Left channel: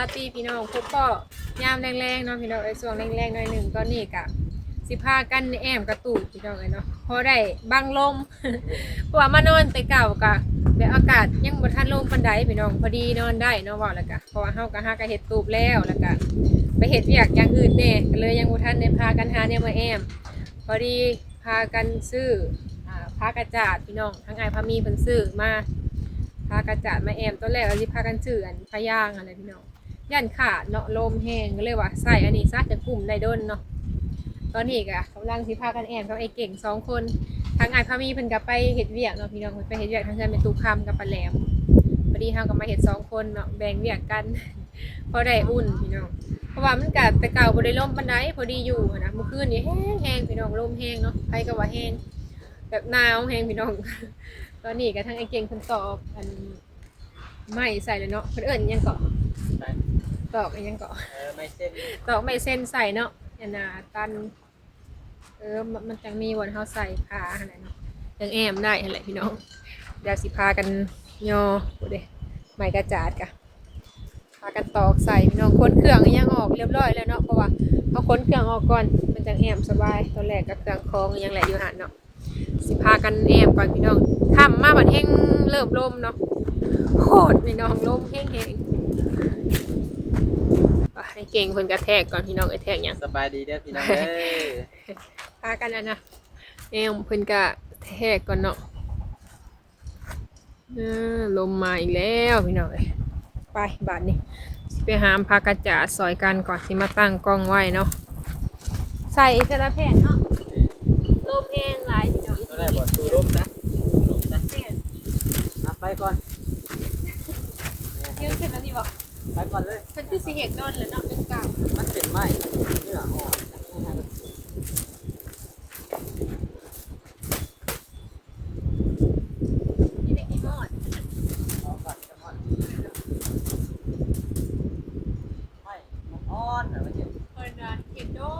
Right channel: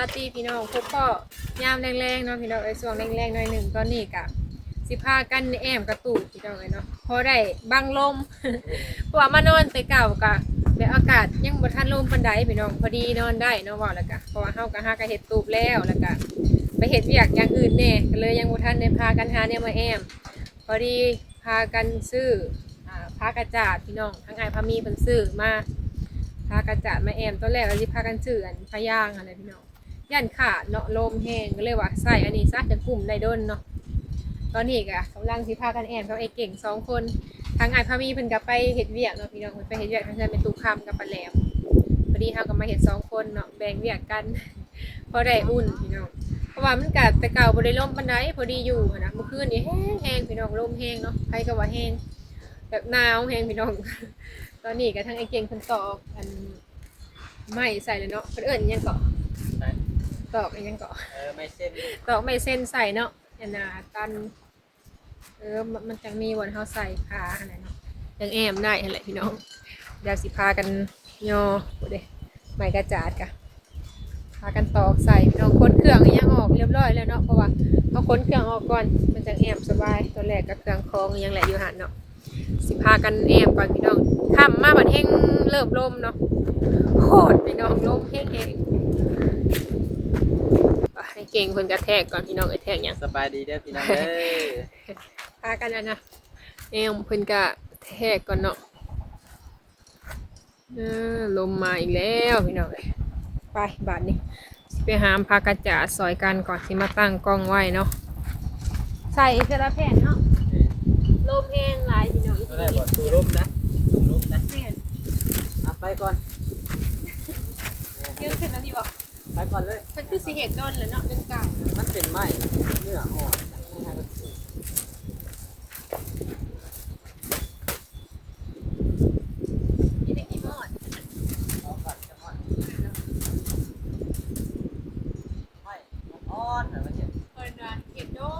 มื่อตีพี่น้องพบพ่อยามแรงๆเนาะพี่น้องไอ้ช่วงแรงๆหน่อยหนึ่งตอนนี้กะสิพากันแอมกระตูดพี่น้องเลยเนาะพอได้บังลมเพราะว่ามานอนแต่เก่ากะแต่อากาศยังบ่ทันลมปันไดพี่น้องพอดีนอนได้เนาะว่าแล้วกะเพราะว่าเฮากะหากะเฮ็ดตูบแล้วแล้วกะไปเฮ็ดเวียกอย่างอื่นแน่ก็เลยยังบ่ทันได้พากันหาเนี่ยมาแอมพอดีพากันซื้ออพากระจาดพี่น้องทั้งไอ้พามีเพิ่นซื้อมาพากระจาดมาแอมตอนแรกเราสิพากันซื้ออันพะย่างอะไรพี่น้อง ย่านขาดเนาะลมแห้งก็เลยว่าใส่อันนี้ซะจะกลุ่มได้ดนเนาะตอนนี้ก็กำลังสิพากันแอมกับไอ้เก่งสองคนทั้งไอ้พามีเพิ่นก็ไปเฮ็ดเวียกเนาะพี่น้องเพิ่นไปเฮ็ดเวียกทั้งเพิ่นเป็นตุกคำกับปลาแหลมพอดีเฮาก็มาเฮ็ดสองคนเนาะแบ่งเวียกกันพอได้อุ่นพี่น้องเพราะว่ามันกัดแต่เก่าบ่ได้ลมปานใดพอดีอยู่นะเมื่อคืนนี่แห้งแห้งพี่น้องลมแห้งเนาะใครก็ว่าแห้งแบบหนาวแห้งพี่น้อง ตอนนี้ก็ทั้งไอ้เก่งเพิ่นตอกอันไม้ใส่เลยเนาะเพิ่นเอิ้นยังเกาะ ตอกอิหยังเกาะเออไม่เส้นตอกไม้เส้นใส่เนาะอันน่ะตัน เออมันมันจังมีวันเฮาใส่ผ้าหั่นแหละเนาะยังแอมได้หั่นแหละพี่น้องเดี๋ยวสิพากันโยบ่เด้ไม้กระจาดกะพากันตอกใส่พี่น้องคนเครื่องก็ยังออกเรียบร้อยแล้วเนาะเพราะว่าเอาคนเครื่องออกก่อนมันจะแอมสบายตอนแรกกับเครื่องคองยังแหละอยู่หันเนาะสิพากันแอมก่อนพี่น้องค่ำมาบัดแห้งเริ่มลมเนาะโคตรพี่น้องลมแห้งแห้งอะให้เก่งเพิ่นกระแทกก่อนพี่น้องไอ้แทกหยังสบายดีเด้อพี่น้องเด้อพากันอันนะแอมเพิ่นกระแทกก่อนเนาะอ่าลมมาอีกแล้วพี่น้องเอ้ยไปบาดนี้ไปหามพากระจาดซอยกันก่อนที่มาตั้งกล้องไว้เนาะใส่เทระแผ่นเนาะลมแห้งหลายพี่น้องก็ได้บอตูรุมนะรุมนะแผ่นเอาไปก่อนเยอะขึ้นแล้วนี่บอก ไปก่อนเลยมันคือสิเหตุนอนเลยเนาะเป็นเก่ามันเป็นไม้เนื้ออ่อนที่เด็กที่มอดเอาก่อนจะมอนไม่มันอ่อนเหรอมันจะเพิ่นว่าเก็บโดนเลยพี่น้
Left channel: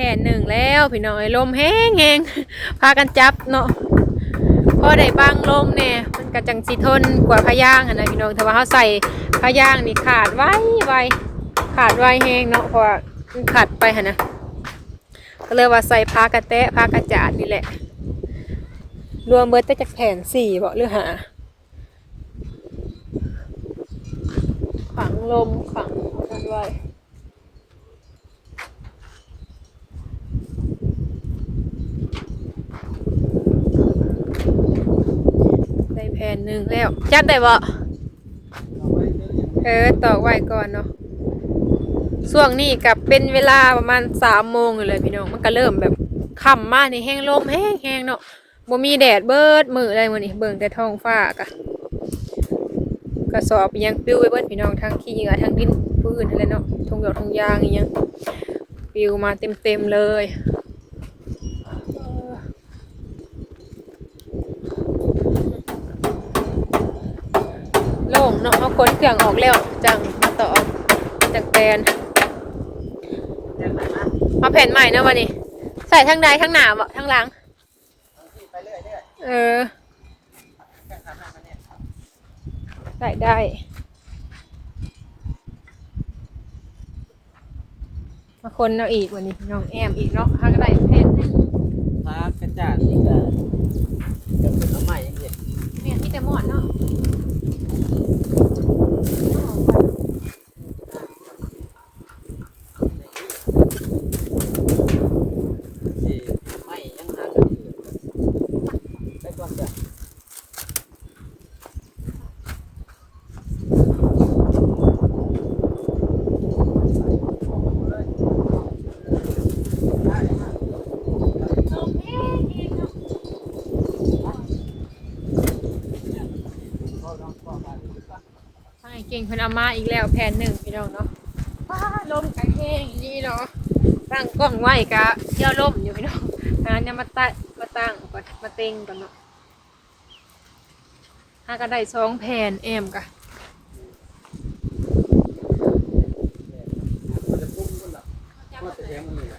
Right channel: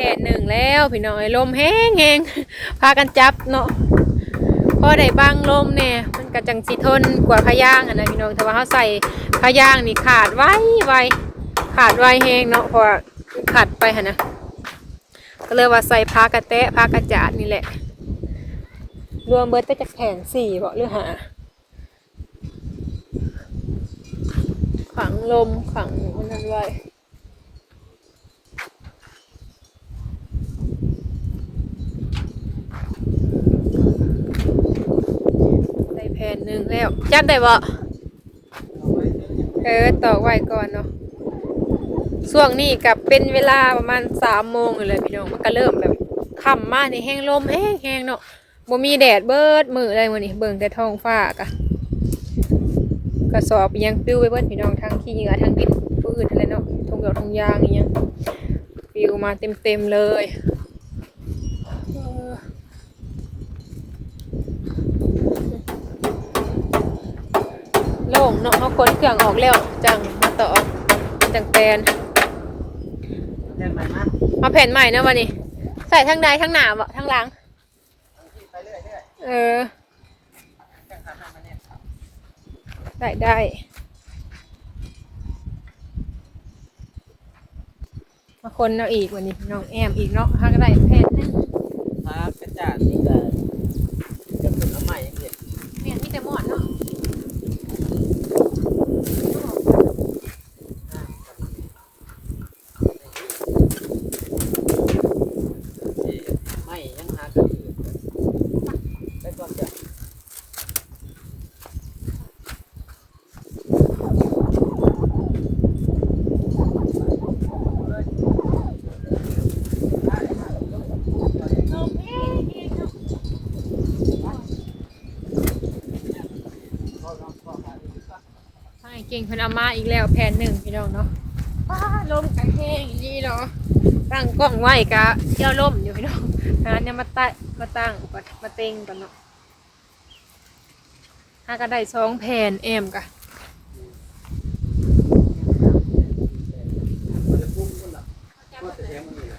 ผ่นหนึ่งแล้วพี่น้อยลมแห้งแห้งพากันจับเนาะพอได้บางลมเนี่ยมันกระจังสิทนกว่าพะย่างอะนะพี่น้องแต่ว่าเขาใส่พะย่างนี่ขาดไว้ไวขาดไว้แห้งเนาะพราะว่าขาดไปหะนะก็เลยว่าใส่พากระแตะพากระจาดนี่แหละ รวมเบิดไปจากแผ่นสี่บ่หรือหาขังลมขังอันนั้นไว้ได้แผ่นหนึ่งแล้วจับได้บ่เอาไว้เจออย่างเออต่อไว้ก่อนเนาะช่วงนี้กับเป็นเวลาประมาณสามโมงเลยพี่น้องมันก็เริ่มแบบค่ำมาในแห้งลมแห้งแห้งๆเนาะบ่มีแดดเบิดมืออะไรมื้อนี้เบิ่งแต่ท้องฟ้ากะกระสอบอิหยังปลิวไปเบิดพี่น้องทั้งขี้เหงื่อทั้งดินปืนอะไรเนาะทงดอกทงยางอีหยังปลิวมาเต็มๆเลยเออโล่งเนาะเอาคนเครื่องออกแล้วจังมาต่อจังแปลนเดินไปนะมาแผ่นใหม่นะวันนี้ใส่ทั้งใดทั้งหนาบ่ทั้งหลังเอาที่ไปเรื่อยเรื่อยเออแค่ขับหน้ามาเนี่ยใส่ได้มาคนเอาอีกวันนี้น้องแอมอีกเนาะให้ก็ได้เพชรพากระจาดนี่ก็จะเป็นน้ำใหม่ยังเห็นเนี่ยนี่แต่หมดเนาะ フッ。 ทางไอ้เก่งเพิ่นเอามาอีกแล้วแผ่นหนึ่งพี่น้องเนาะว้าลมกันแห้งย่างนี้เนาะตั้งกล้องไว้กะเที่ยวลมอยู่พี่น้องอันนั้นเนี่ยมาตั้งมาตั้งก่อนมาเต็งก่อนเนาะถ้าก็ได้สองแผ่นเอ็มกะ มันจะพุ่งมันแบบว่าจะแทงมันนี่แหละ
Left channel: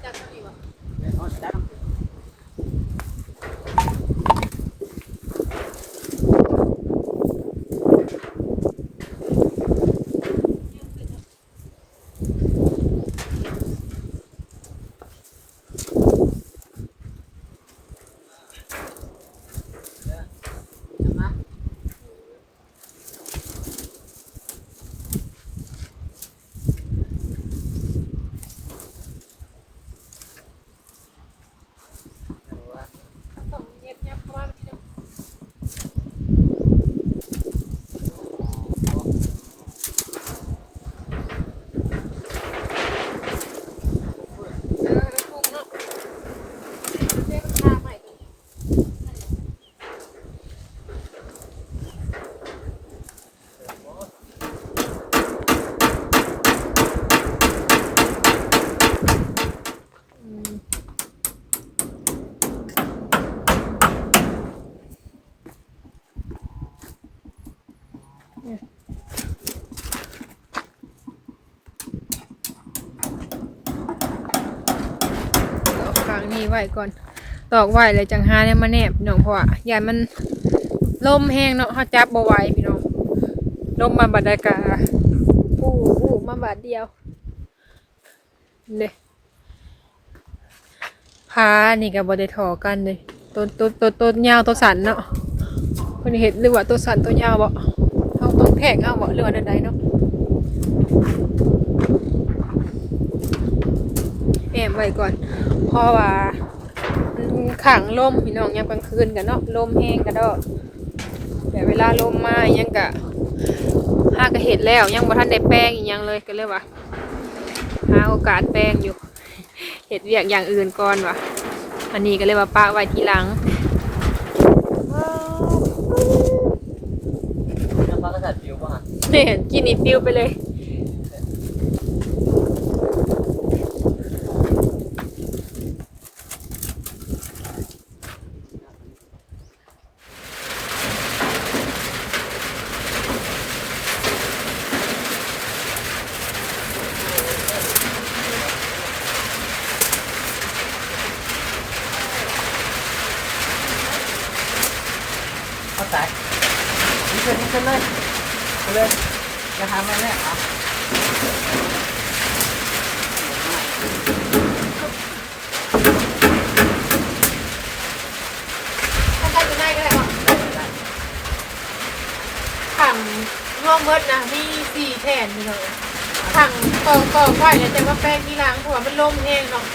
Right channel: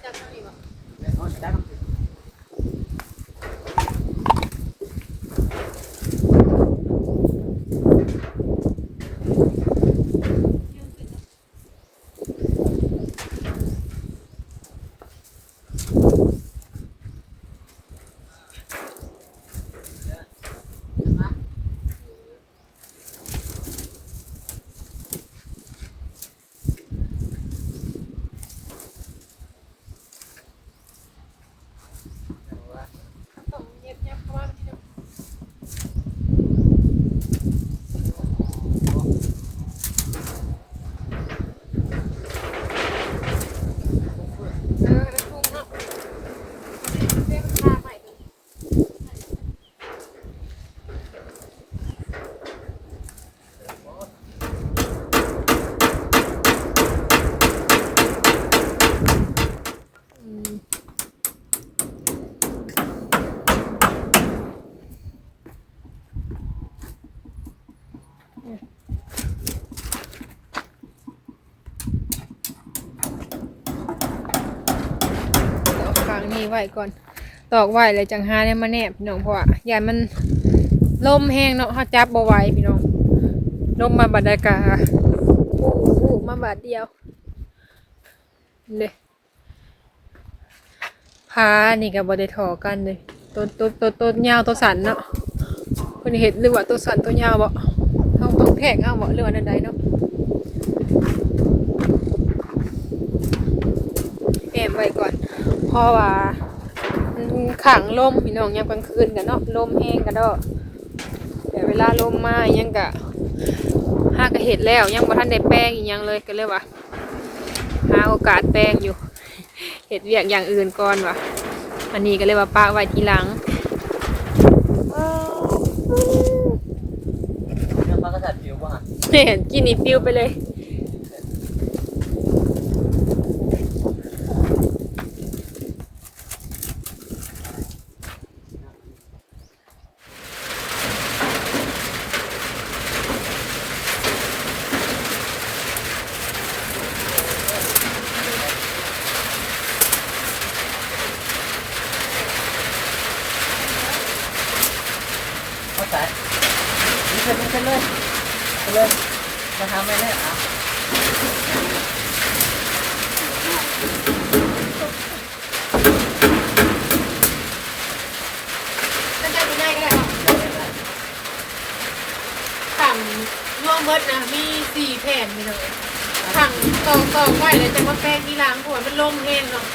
เนี่ยเอาจับ ต้องเย็บยับเข้ามาพี่น้องเออแล้วพุ่งเนาะเรียกมันพาใหม่ตัวนี้อืม ตอกกลาง นี่ไว้ก่อน ตอกไว้เลยจังหาเนี่ยมาแนบพี่น้องเพราะว่ายานมันลมแห้งเนาะเขาจับบ่ไหวพี่น้องลมมาบัดใดกาอู้อู้มาบาดเดียวเด้พานี่ก็บ่ได้ถอกันเลยต้นต้นต้นต้นยาวตัวสันเนาะเพิ่นเห็นหรือว่าตัวสันตัวยาวบ่เฮาต้องแทงเอาบ่หรือใดๆเนาะ แอมไว้ก่อน เพราะว่ามันขังลมพี่น้องยามกลางคืนกันเนาะลมแห้งกันดอกแต่เวลาลมมายังกะห้ากะเห็ดแล้วยังบ่ทันได้แป้งอีกยังเลยก็เลยว่าหาโอกาสแป้งอยู่เห็ดเวียกอย่างอื่นก่อนว่ะอันนี้ก็เลยว่าป้าไว้ทีหลังน้ำปลากระสัดผิวป่ะเห็นกินนี่ฟิวไปเลย เอาใส่นี่เชิญนี่เชิญเลยเชิญเลย จะทำอะไรเนี่ยอะนั่นได้อยู่ในก็ได้ป่ะขังลอเมดนะ มีสี่แผ่นพี่น้องถังตอกตอกไว้แล้วจะมาแป้งที่ล้างหัวมันล่มแห้งเนาะ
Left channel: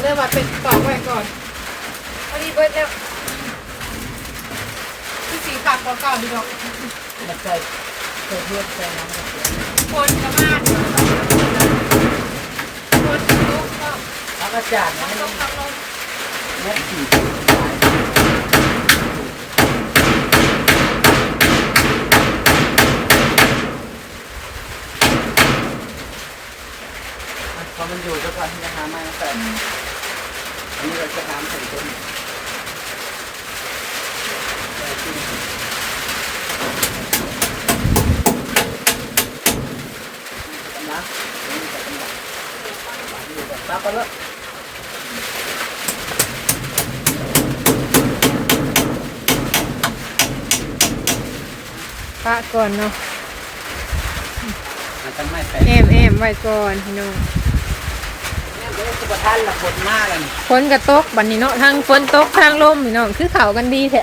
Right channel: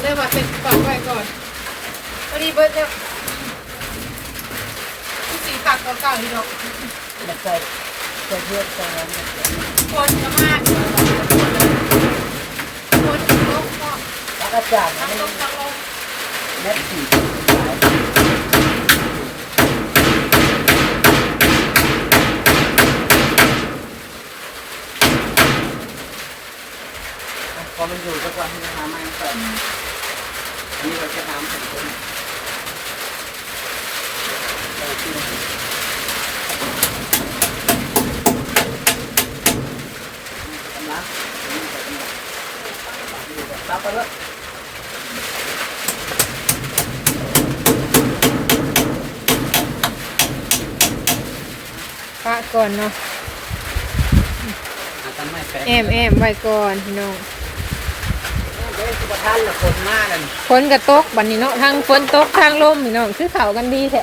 เลยว่าเป็นตอกไว้ก่อนพอดีเบิดแล้วที่สีปากเก่าๆดีดอกมันใส่ใส่เนใส่นั้นก็เสีย คนกระมาดเนาะคนลุกเนาะแล้วก็จานทั้งไม่ลงลมเน็ตสี่พอมันอยู่ก็ก่อนที่จะหาไม้มาใส่อันนี้เราจะทำใส่ต้นใส่ต้นกำลังนี่ใส่กำลัง อยู่แบบซับไปแล้วปะก่อนเนาะมันทำไม่เป็นแอมแอมไว้ก่อนพี่น้องเดี๋ยวสุขท่านละคนหน้ากันฝนกระตกบัดนี้เนาะทั้งฝนตกทั้งลมพี่น้องคือเขากันดีแท้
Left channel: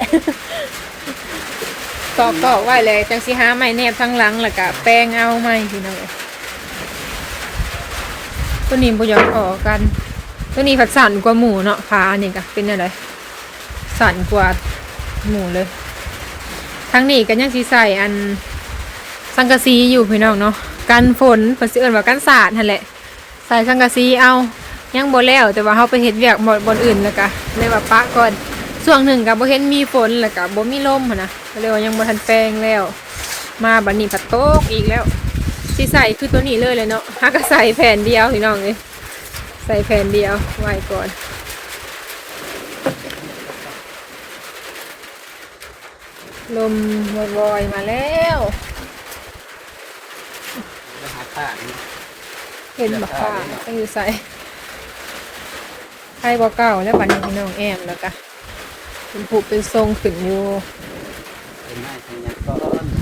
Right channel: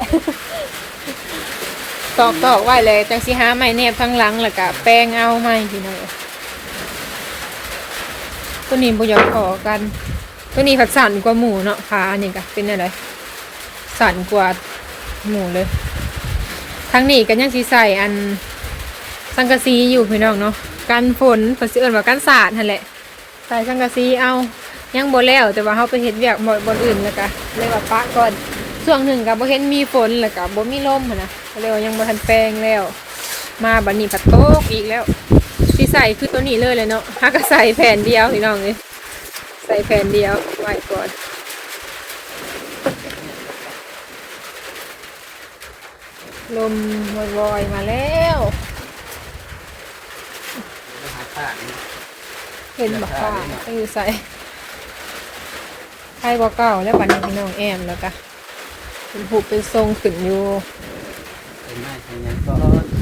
ตอกตอกไว้เลยจังสิหาไม้แนบทั้งหลังแล้วก็แป้งเอาไม้พี่น้องเอ้ย ตัวนี้บ่อยากออกกัน ตัวนี้ผัดสั่นกว่าหมูเนาะขาอันนี้ก็เป็นอะไรสั่นกว่าหมูเลย ทั้งนี้ก็ยังสิใส่อันสังกะสีอยู่พี่น้องเนาะกันฝนเพิ่นสิเอิ้นว่ากันสาดนั่นแหละ ใส่สังกะสีเอายังบ่แล้ว แต่ว่าเฮาไปเฮ็ดเวียกหมดบนอื่นแล้วก็เลยว่าปะก่อนช่วงหนึ่งก็บ่เห็นมีฝนแล้วก็บ่มีลมนนะก็เลยว่ายังบ่ทันแปลงแล้ว มาบัดนี้ผัดโต๊กอีกแล้วสิใส่คือตัวนี้เลยเลยเนาะฮักก็ใส่แผ่นเดียวพี่น้องเอ้ยใส่แผ่นเดียวไว้ก่อนลมวอยมาแล้วเห็นบอกว่าก็คือใส่ไข่บอเก่าแล้วบัดนี้พี่น้องแอมแล้วก็เป็นผูกเป็นทรงขึ้นอยู่เป็นไม้เป็นยังก้อน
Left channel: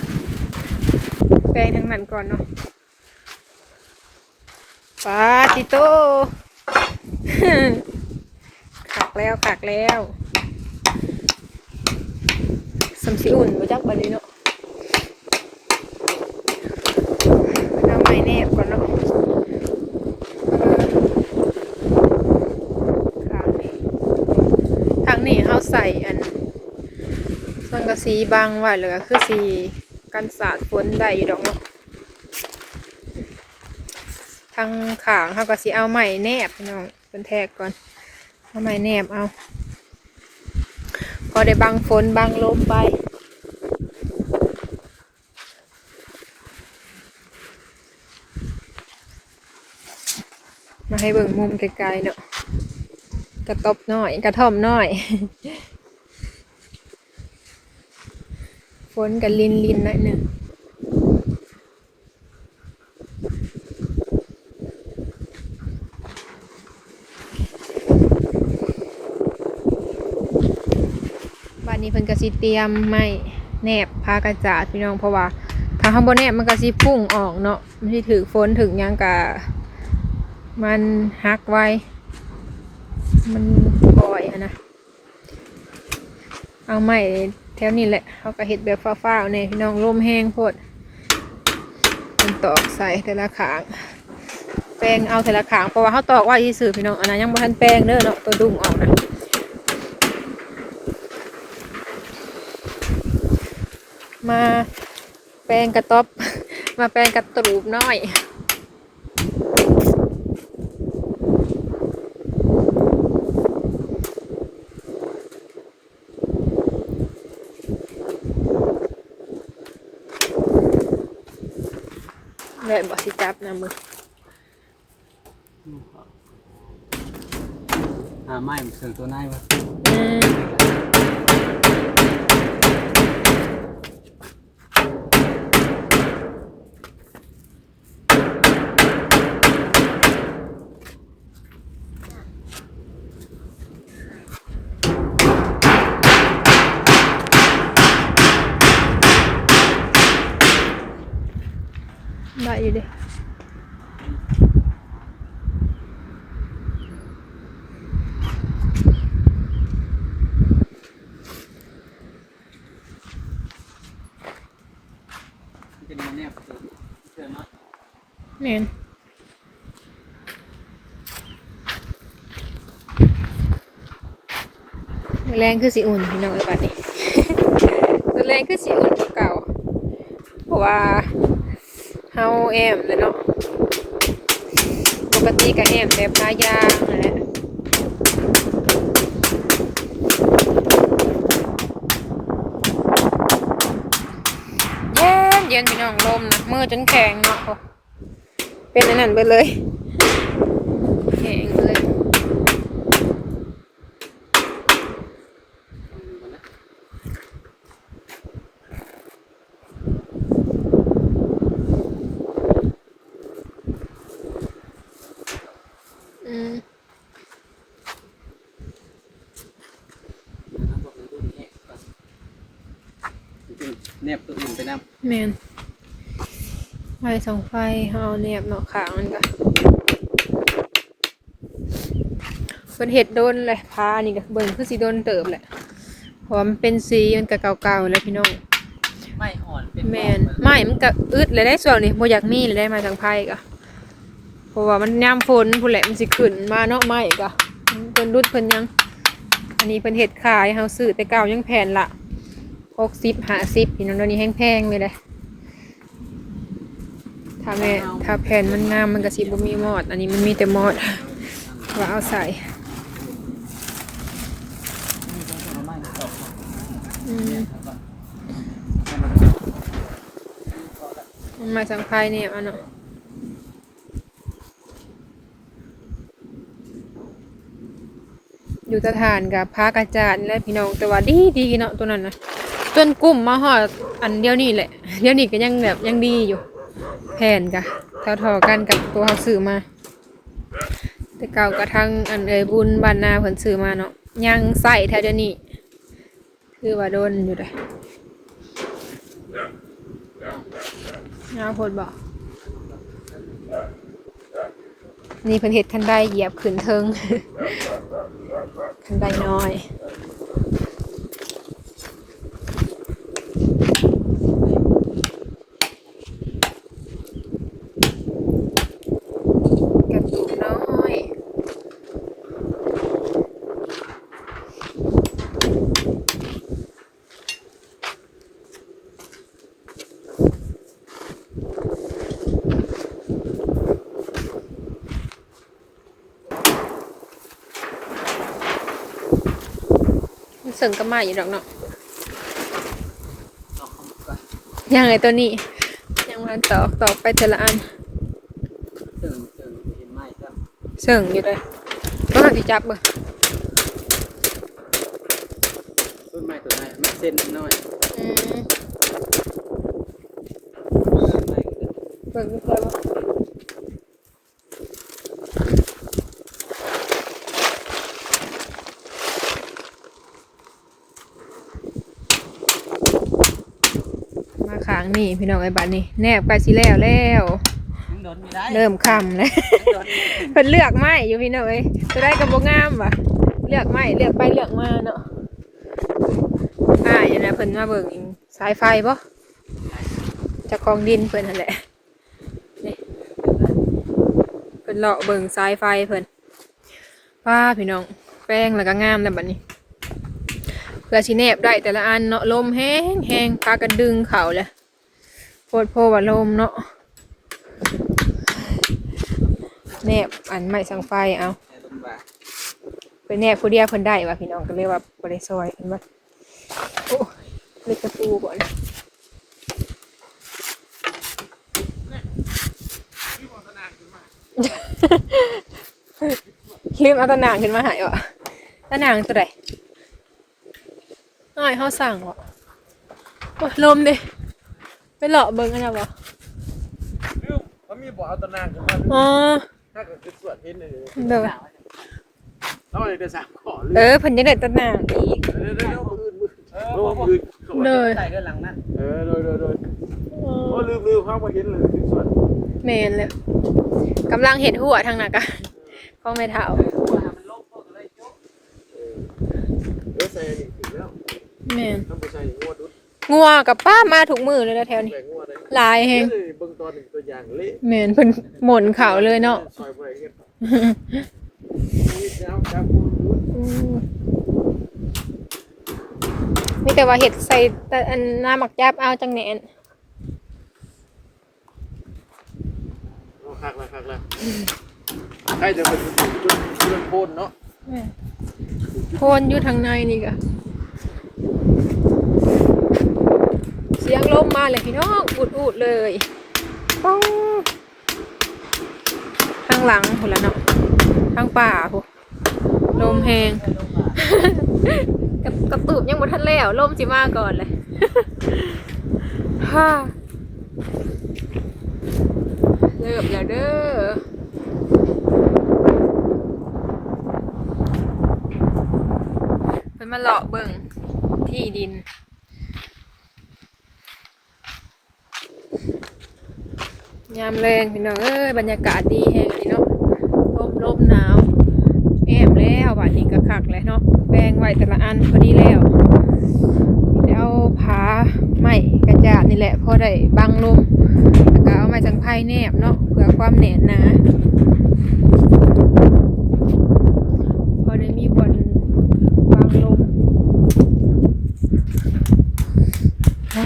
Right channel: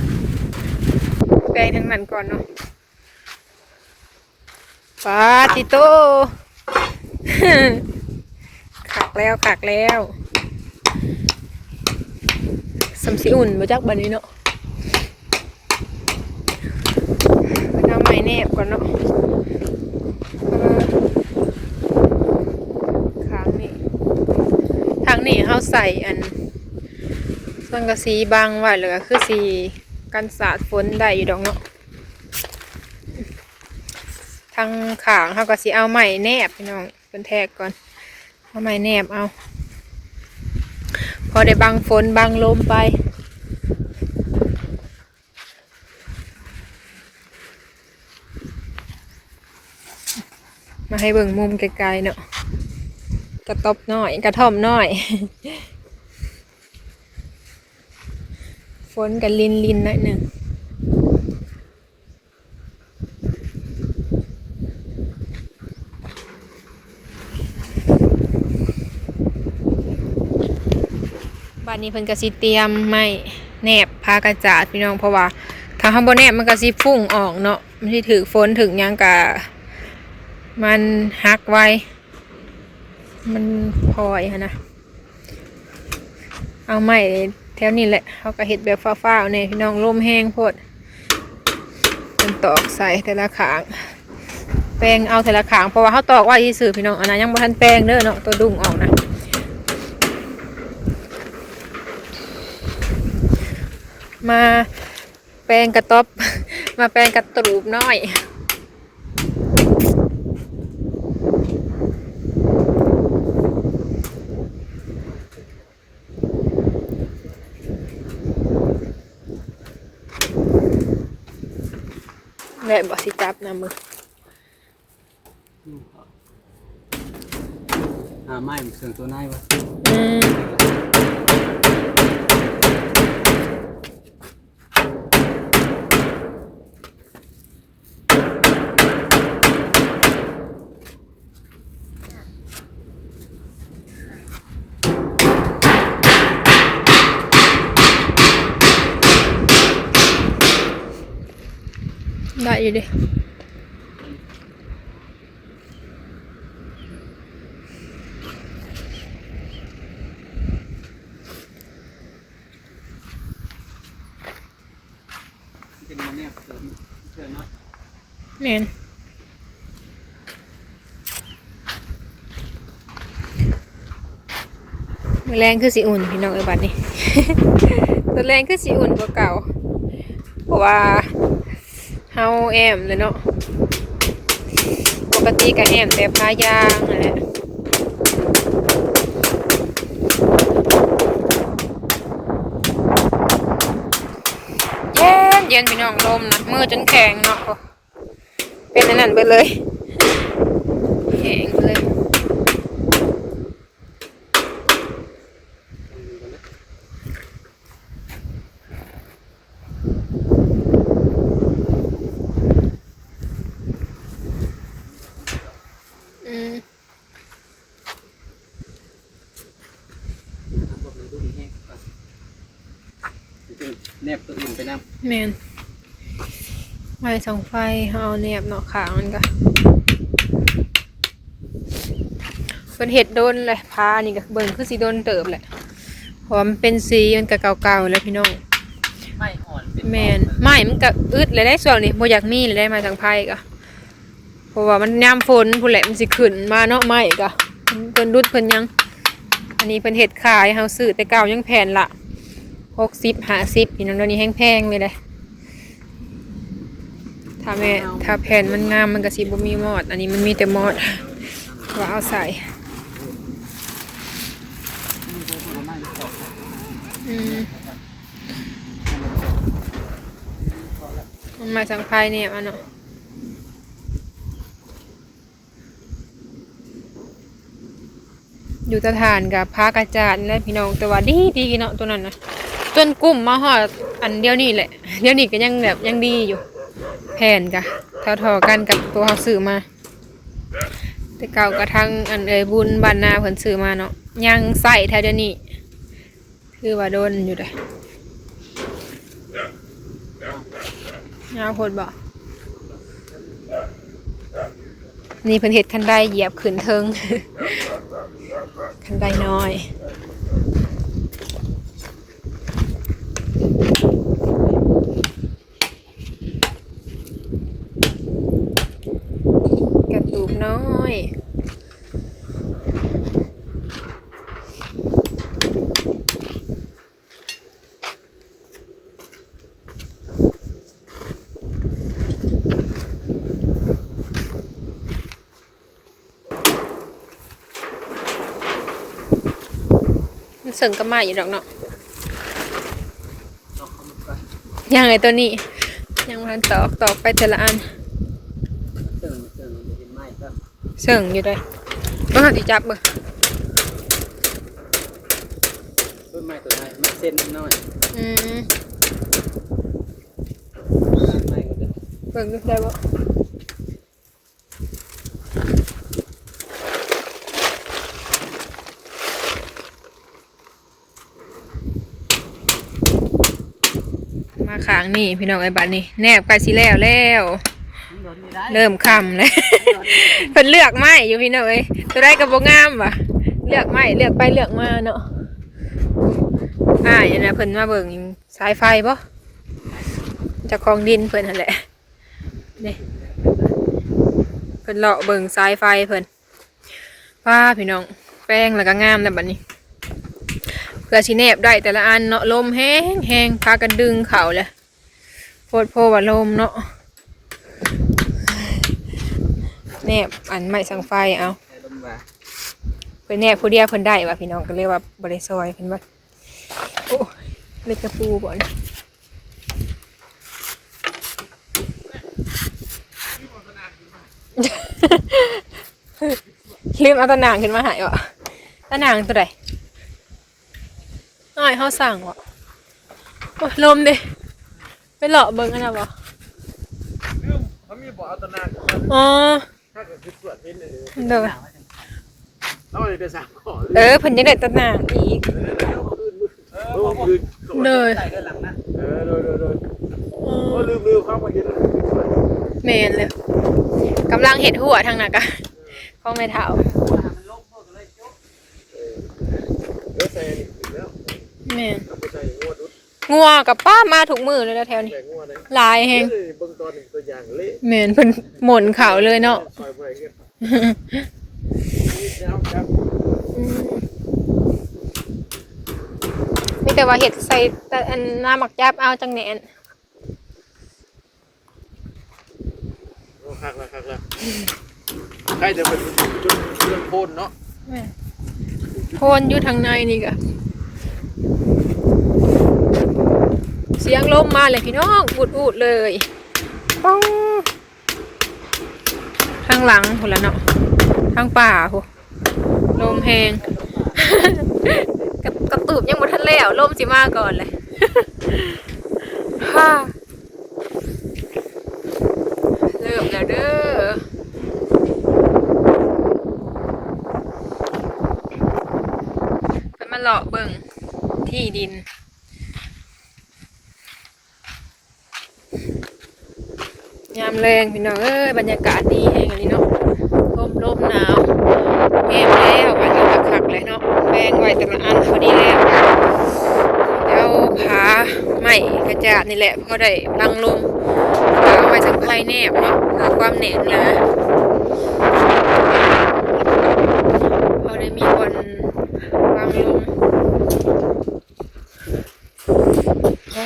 ปลงทั้งนั้นก่อนเนาะปาติโตขักแล้วขักแล้วสัมสีอุ่นมาจากบันนี้เนาะเอาไม้แนบก่อนเนาะขางนี้ทางนี้เขาใส่อันสังกะสีบางไว้เลยก็คือสี กันสาดฝนได้อยู่ดอกเนาะทางขางเขาก็สีเอาไม้แนบพี่น้องเป็นแทกก่อนเอาไม้แนบเอา พอได้บังฝนบังลมไปมาให้เบิ่งมุมไกลๆเนาะกระตบน้อย กระท่อมน้อย ฝนกับลินลินหน่อยหนึ่งบ้านนี้เพิ่นก็สิเตรียมไม้แนบพากระจาดพี่น้องเพราะว่าถ้าข้าบนแนบมันก็สิฟุ้งออกเนาะมันสิถือฝนถึงหยังกะมันหักไว้ มันพลอยนะ เอาใหม่ แถวนี้แหละเขาก็เห็ดแบบฟ้าๆเนี่ยพี่น้องร่มแห้งโพดมันตอกใส่แต่ละขาง แปลงเอาแต่ละขางเพราะว่าเขาตอกไว่าที่สื่อพี่น้องอันนั้นยังบ่ทันแปลงเด้อเนาะตัวดุ้งออกนะมาแปลงกระต๊อบ มาแปลงกระตูบน้อย แม่บอกสิจับนะมือหาไม้เสื่อตัวไหนวะอืม อยู่ดิเป็นมันเนี่ยนาะแม่นมื้อแรงคือสิอุ่นพี่น้องเอ้ยบัดนี้ตัวแรงคือสิอุ่นกว่าเก่า เพราะว่า เฮาแอมเลยเนาะปกติก็แอมแต่พายางนั่นแหละเย็นเย็นพี่น้องลมนะมือจนแข็งเนาะเป็นอันนั้นไปเลยแข็งไปเลย อืม พวกนี้ดูแห้งก่อน แนบตัวอื่นไปนำแมนไฟสองไฟเฮาเอาเนียบเนาะขางมันก็เป็นเห็ดโดนเลยพานี่ก็เบิ่งคือสีโดนเติบแหละเพราะว่ามันเป็นสีมันก็เก่าๆแล้วพี่น้องไม่อ่อนเป็นแมนไม้มันก็อึดเลยได้ส่วนนี้บ่อยากมีเลยได้มาทางไผ่ก็เพราะว่ามันยามฝนพุ่นแหละมันสิขึ้นมาเนาะไม้ก็เพิ่นรุดเพิ่นยัง อันนี้เพิ่นเฮ็ดขายเฮาซื้อแต่เก่ายังแผ่นละ 60 50พี่น้องเดี๋ยวนี้แพงๆเลยเด้ถ้าแม่ถ้าแผ่นมันงามมันก็สิบ่มีมอด อันนี้มันมีแต่มอดว่าเอาใส่อืมมันมาสังไพเนี่ยอันเนาะอยู่สถานกับพากระจาดและพี่น้องแต่ว่าดีดีเนาะตัวนั้นนะ จนกลุ่มมาหอดอันเดียวนี่แหละ เดียวนี้ก็ยังแบบยังดีอยู่ แผ่นกะเท่าๆกันกับตัวเขาซื้อมา แต่เก่ากระทั่งอันเอยบุญบานนาเพิ่นซื้อมาเนาะยังใส่แท้เดียวนี้คือว่าโดนอยู่เลยยาวพดบ่นี่เพิ่นเฮ็ดคันไดเหยียบขึ้นเทิงคันไดน้อย กระตูกน้อย มันเสริ งกับมาอยู่ดอกเนาะยังไงตัวนี้ ยังมันตอกตอกไปเทละอันเติมเติมเห็นไหมครับเสริงอยู่เลยก็หาที่จับเบ่ต้นไม้ตัวไหนมันเส้นน้อยอืมไม้ก็จะเบิ่งดูได้บ่ ขางนี่พี่น้องไอ้บัดนี่แนบใกล้สิแล้วแล้ว เริ่มคำแล้วเพิ่นเลือกไม้อยู่พี่น้องเอ้ยตัวได้ก็บ่งามวะเลือกไม้เลือกไปเลือกมาเนาะอ่าอย่างนั้เพิ่นมาเบิ่งสายไฟบ่เจากของดินเพิ่นนั่นแหละนี่เพิ่นเลาะเบิ่งสายไฟเพิ่นป้าพี่น้องแป้งแล้วก็งามแล้วบัดนี้เพื่อสิแนบได้แต่ละอันเนาะลมแห้งแห้งพากันดึงเข่าแหละโพ ดโพว่าลมเนาะแนบอันไม่สังไฟเอาเพิ่นแนบผู้เดียวเพิ่นได้ว่ะพี่น้องก็เรียกว่าบริซอยเพิ่นว่าโอ้เล็กกระปูบ่อนลืมเอาตะนางขึ้นมาหายอะตะนางตัวใดน้อยเขาสั่งวะโอ้ลมดิ ไปเลาะเบิ่งอันนั้นบ่เขามีบ่อเอาตะนานอ๋อถ้าเกิดเป็นส่วนที่หนึ่งเด้อเขาเลยไปสั่งขอเออเพิ่นยังได้ตะนางอีกเออมือเด้อใส่กันหลังนะเออโดยโดยโดยโอ้ลืมลืมความว่าเห็นเลยเมนเลยกำลังเห็ดหัวทางหนักอะของในเท้าเออใส่นี่ถึงแล้วเมนต้อ งไปใส่หัวดุดงัวกับป้ามาถูกมือเลยนะแถวนี้ แบ่งงัวเลยหลายแฮเฮ้ยงเบิ่งตอนหนึ่งตัวอย่างเละแม่นเพิ่นหม่นข่าวเลยเนาะ ซอยบ่ได้เงินนี่เจ้าเจ้าอืมมีแต่ว่าเห็ดใส่แต่อันน้ำหมักยับเอาจังแหนนโอ้หักเลยหักเลยใครจะเป็นจุดจุดเรื่องโคนเนาะโคนอยู่ทางในนี่กะเสียงลมมาเลยพี่น้องอุดอุดเลยป้องทางหลังหุ่นละเนาะทางป่าโหลมแหงกระกระตูบยังบ่ทันแล้วลมสิมาก่อนเลยฮ่าเริ่มแล้วเด้อเป็นมาเลาะเบิ่งที่ดิน ยามแรงพี่น้องเอ้ยบรรยากาศดีแฮงอันนี้เนาะลมลมหนาวแอบแล้วบัดนี้ก็คักเลยเนาะแบงไว้แต่ละอันพอดีแล้วแล้วผาไม้กระจาดนี่แหละพอได้บังลมเอาไว้ทางภายแนบเนาะเพื่อความแน่นหนะพอได้มีบนางลมอ่า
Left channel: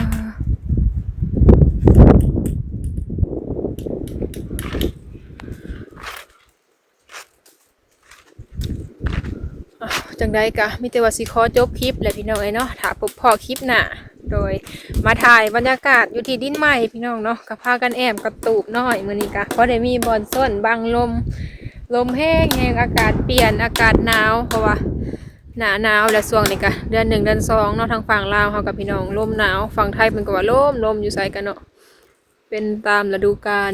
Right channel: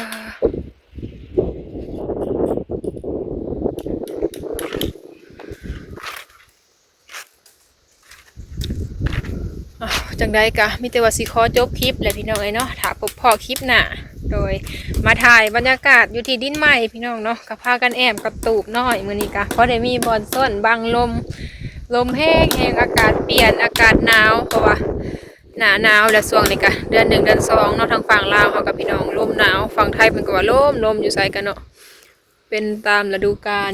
อ้าว จังใดกะมีแต่ว่าสิขอจบคลิปและพี่น้องเอ้เนาะถ้าพบพอคลิปหน้าโดยมาถ่ายบรรยากาศอยู่ที่ดินใหม่พี่น้องเนาะกับพากันแอมกับตูบน้อยมือนี้กะเพราะได้มีบอลส้นบังลม ลมแห้งแห้งอากาศเปลี่ยนอากาศหนาวเพราะว่าหนาหนาวและช่วงนี้กะเดือนหนึ่งเดือนสองเนาะทางฝั่งลาวเขากับพี่น้องลมหนาวฝั่งไทยเป็นก็ว่าลมลมอยู่ไสกันเนาะเป็นตามฤดูกาล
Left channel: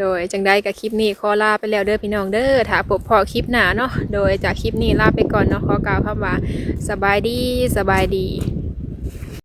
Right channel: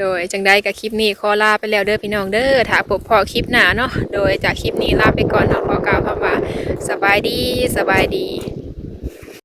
โดยจังได้กับคลิปนี้ขอลาไปแล้วเด้อพี่น้องเด้อถ้าพบพอคลิปหนาเนาะโดยจากคลิปนี้ลาไปก่อนเนาะขอกล่าวคำว่าสบายดีสบายดี